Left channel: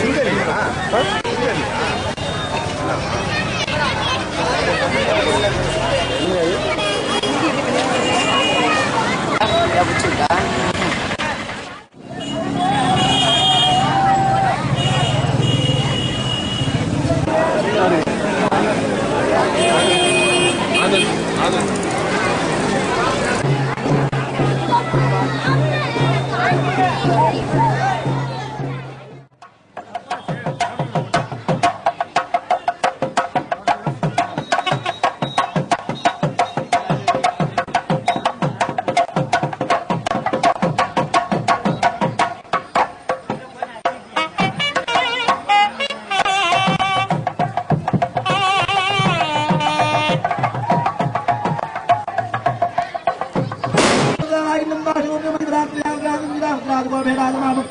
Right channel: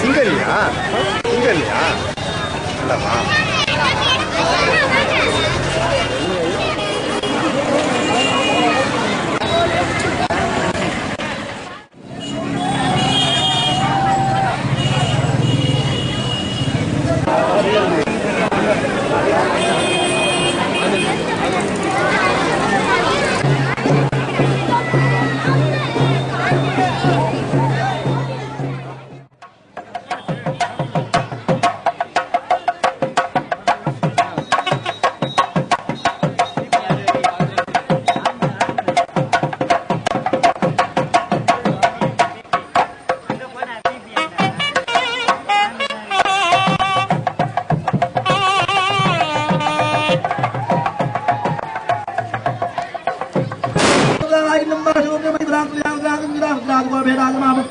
சிங்கல்லையா சிங்கல்லையா ஜனங்காதீமாவும் நன்யாதீமாவும்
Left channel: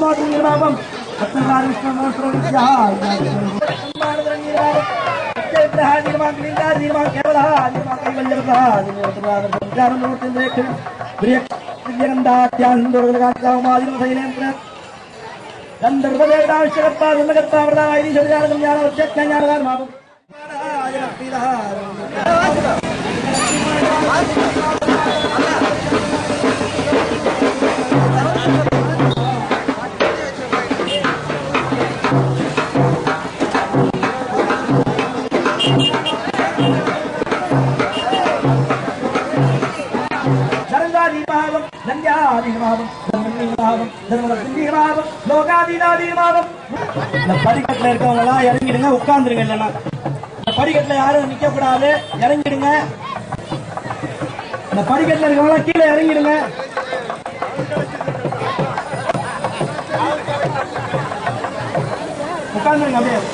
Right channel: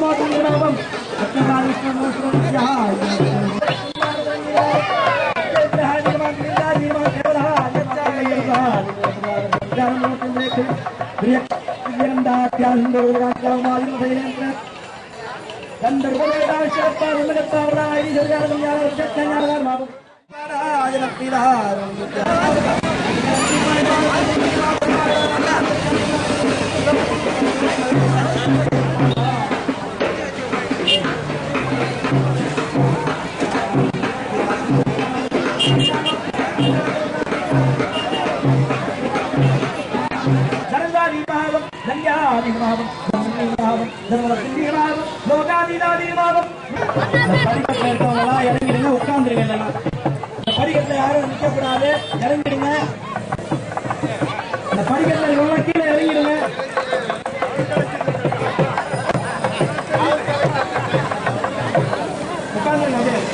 தர்மீமாவும் தர்மரசிங்கமாவும் லோகாதீனாதீமாவும் இந்த படிக்கட்டுல இருக்கவங்க எல்லாம் இறங்கிடுங்க உட்கார்ந்துருங்க இல்லைன்னா இந்த படிக்கட்டுல யாரும் நிக்க கூடாது இறங்கிடுங்க. இந்த படிக்கட்டுல இருக்கவங்க கீழே இறங்கிடுங்க. உட்கார்ந்துருங்க அப்படியே.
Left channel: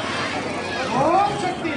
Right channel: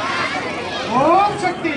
ஓம் சக்தி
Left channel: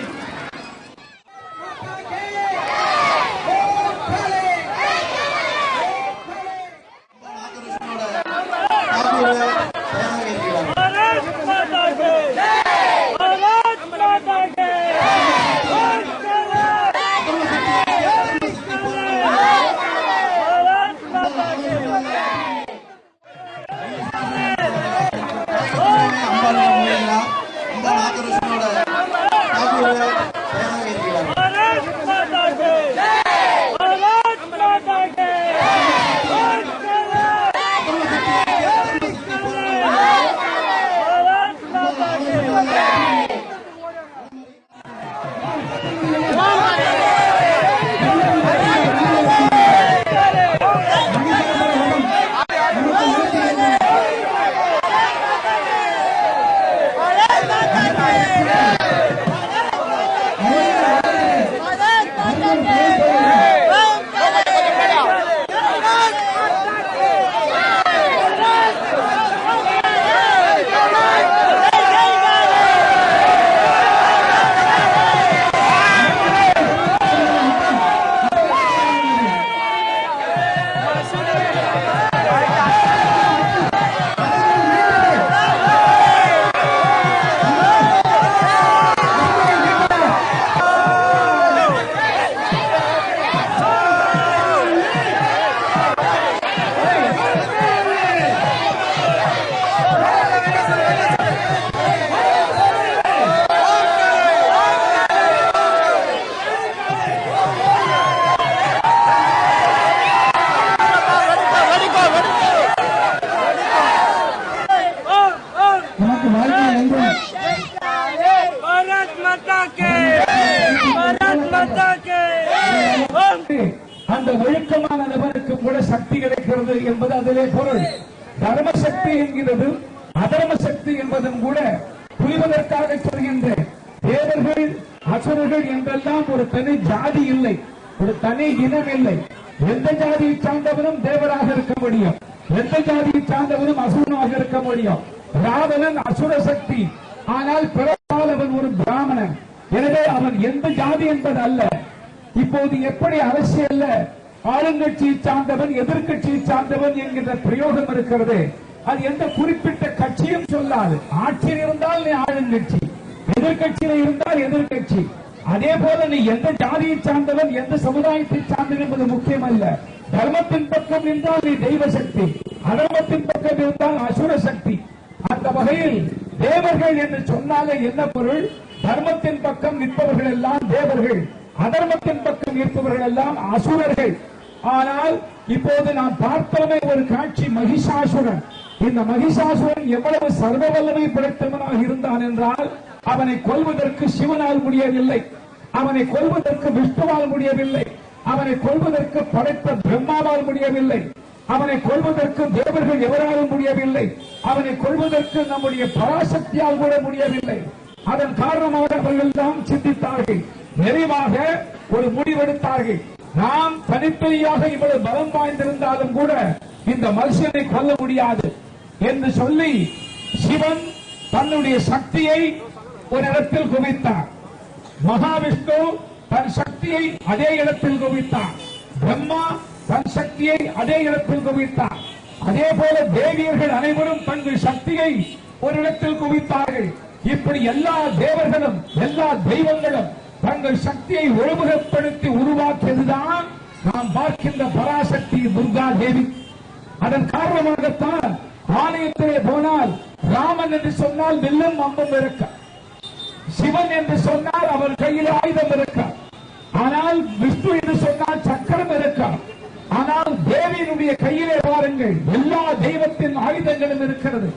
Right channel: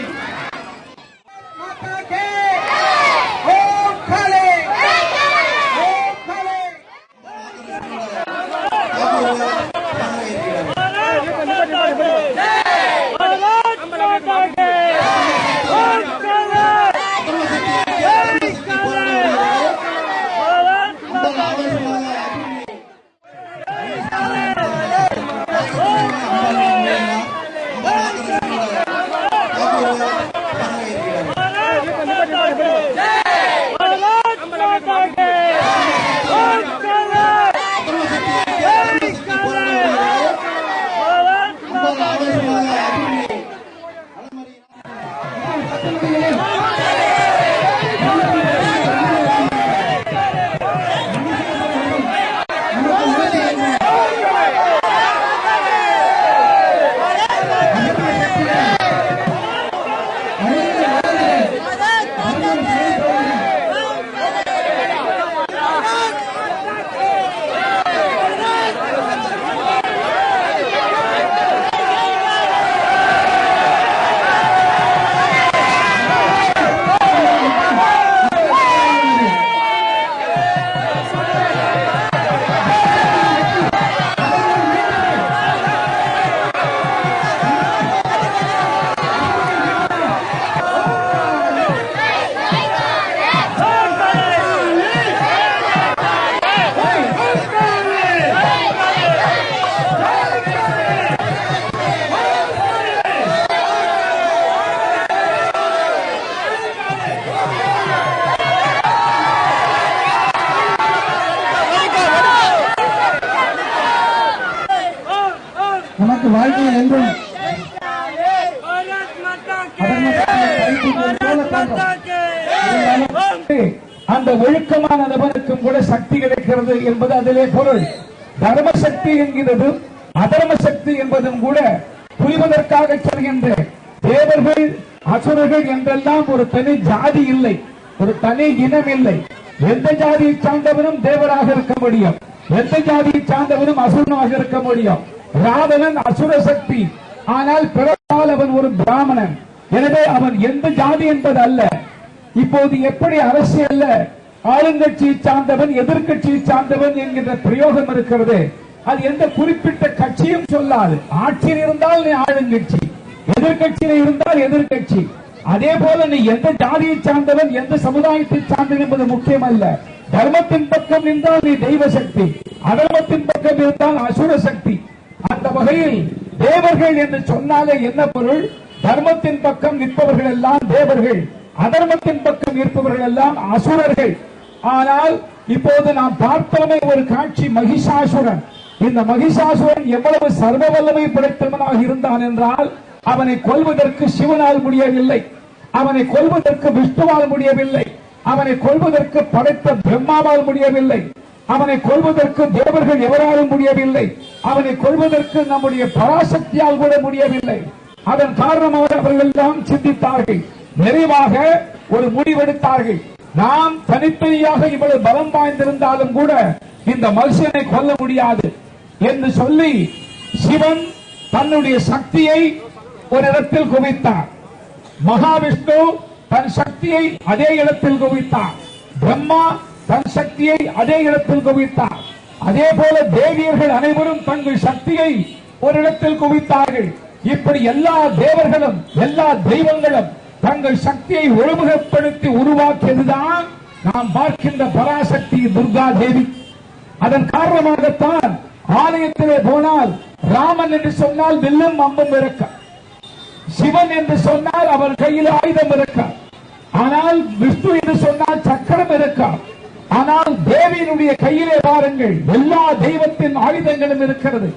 ஒழுக்கமான நபருக்கும் கூட சக்தி கிடைக்கிறது என்பது அதிலே பொருள். தர்ம சக்தி என்கிறதும் அதர்ம சக்தி என்பதும் கூட புரிவதற்காக சொல்கின்ற தேவர்கள் அசுரர்கள் என்றெல்லாம் ஒரு தனி ஜாதி இல்லை ஒரு தனி இனம் இல்லை. எந்த ஜாதியை சார்ந்தவனும் தேவராக இருக்க முடியும். எந்த ஜாதியை சார்ந்தவனும் அசுரனாக இருக்க முடியும். ராவணன் அசுர சக்தி. ஆனால் பிறப்பால் அவன் ஒரு பிராமணன். எனவே அவன் எந்த ஜாதி என்பது அல்ல இப்போது எப்படி அரசியல்ல ஆளுங்கட்சியை சார்ந்தவன் எதிர்கட்சியை சார்ந்தவன் என்கின்ற பிரயோகம் இருக்கிறது. அது எந்த குறிப்பிட்ட கட்சியும் சொல்லாது. ஆட்சியில் இருந்தால் நீ ஆளுங்கட்சி எதிர்கட்சியில் இருந்தால் எதிர்க்கட்சி. அதே போல நீ எந்த ஜாதியை சார்ந்தவன் எந்த சமுதாயத்தை சார்ந்தவன் என்பது முக்கியம் அல்ல தர்மத்தின் பக்கம் இருந்தால் நீ தெய்வ சக்தி அதர்மத்தின் பக்கம் இருந்தால் அசுர சக்தி அந்த வகையில் தேவர்கள் என்று சொன்னாலே என்ன பொருள்? தர்மத்தின் பக்கம் நிற்பவர்கள் எல்லாம் தேவர்கள் அதர்மத்தின் பக்கம் நிற்பவர்கள் எல்லாம் அசுரர்கள். ஆனால் இப்போது நாம் பார்த்தோமே ஒரு காட்சி மகிஷாசுரன். இந்த மகிஷாசுரன் எவ்வளவு சர்வ வல்லமை படைத்தவனாக இருந்தான் என்றால் அவனை கொல்வதற்கு சிவனால் முடியவில்லை. அவனை கொல்வதற்கு விஷ்ணுவால் முடியவில்லை. அவனை கொல்வதற்கு படைத்த பிரம்மாவால் முடியவில்லை. அவனை கொல்வதற்கு தேவர்கள் எவராலும் முடியவில்லை. அவனை கொல்வதற்கு நம்முடைய பராசக்தியால் கூட முடியவில்லை. அதன் காரணமாக அவர்கள் எல்லாம் சிந்தித்தார்கள். நிறைவாக ஒரு முடிவெடுத்தார்கள். நாம் தனித்தனியாக இவ்வளவு பலம் வாய்ந்திருந்தாலும் கூட இந்த மனுஷனை கொல்ல முடியாது என்று சொல்லி சிவன் தன்னுடைய சக்தியை ஒரு இடத்தில் குவித்தார். மகாவிஷ்ணு தன் சக்தியை அதே இடத்தில் குவித்தார். பிரம்மா தன் சக்தியை அதே இடத்தில் குவித்தார். அதே போல தேவியர்கள் அனைவரும் தங்கள் சக்தியை ஒரு இடத்தில் குவித்தார்கள். இப்படி எல்லா தேவர்களும் எல்லா தெய்வங்களும் தங்கள் சக்தியை ஒருமுகப்படுத்தி உருவாக்கியதுதான் நாம் பார்க்கின்ற பராசக்தி துர்கா தேவி. அதன் காரணமாகத்தான் ஆலயத்திலே போனால் ராமன் என்று சொன்னால் வில்லும் அம்பும் இருக்க சிவன் என்று சொன்னால் அவர் கையில் ஆயுதம் இருக்க ஆனால் விஷ்ணு என்று சொன்னால் சக்கரம் இருக்க ஆனால் தேவியினுடைய கையிலே பாருங்கள் எல்லா தெய்வத்தின் ஆயுதங்களும் இருக்கிறது.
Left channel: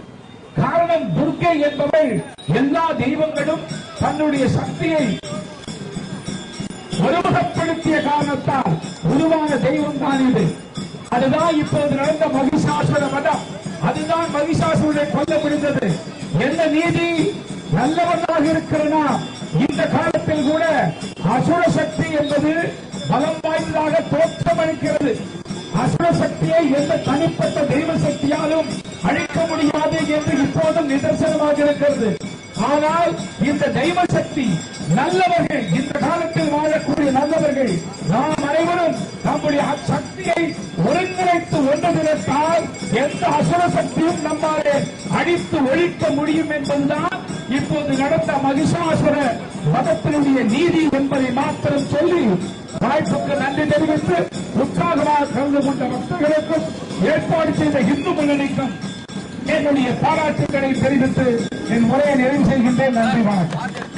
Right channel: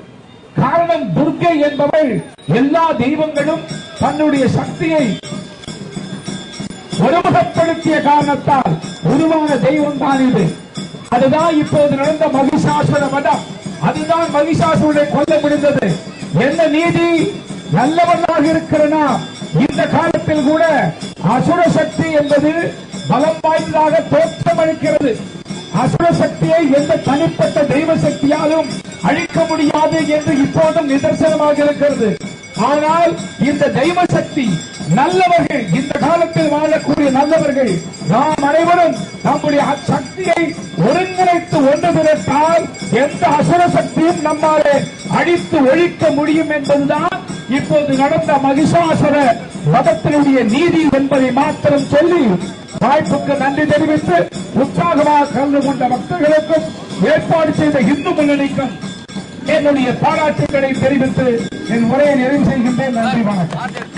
காரணம் துர்கை என்பவள் எல்லா தெய்வங்களும் தன்னுடைய சக்தியை ஒருமுகப்படுத்திய காரணத்தால் உருவான தெய்வம் தான் இது. அதுதான் இப்போது நடந்த மகிஷாசுர மதம். அதுதான் மகிஷாசுரனை கொல்ல முடிந்தது. என்ன நீதி? நல்லவனாக இருக்கிறனா? இந்த காலத்தில் கூட அசுர சக்தி என்பது பலம் வாய்ந்ததாக தோற்றமளிக்கிறது அசுர சக்தியை எந்த தனிப்பட்ட தெய்வ சக்தியாலும் அழிக்க முடியாது என்று இப்போதும் நிதர்சனமாக இருக்கிறது. ஆனால் இந்த தெய்வ சக்தி நல்லவர்கள் இந்த காலத்தில் வாழக்கூடிய நல்லவர்கள் நாம் அனைவரும் நம்முடைய சக்தியை ஒருங்கிணைத்து ஒன்று திரட்டால் எந்த அசுர சக்தியும் நம்மாலே அடித்து ஒழிக்க முடியும் என்பதுதான் இப்போது நடந்த மகிஷாசுர மதத்தினுடைய நீதி என்பதை மாத்திரம் சொல்லி வாய்ப்புக்கு நன்றி தெரிவித்து உற்சாகமாக கலந்து கொண்ட பக்தர்களுக்கும் ஏற்பாடு செய்த இந்து முன்னணிக்கும் என்னுடைய பாராட்டுகளை தெரிவித்து என் உரையை நிறைவு செய்கின்றேன். நன்றி வணக்கம்.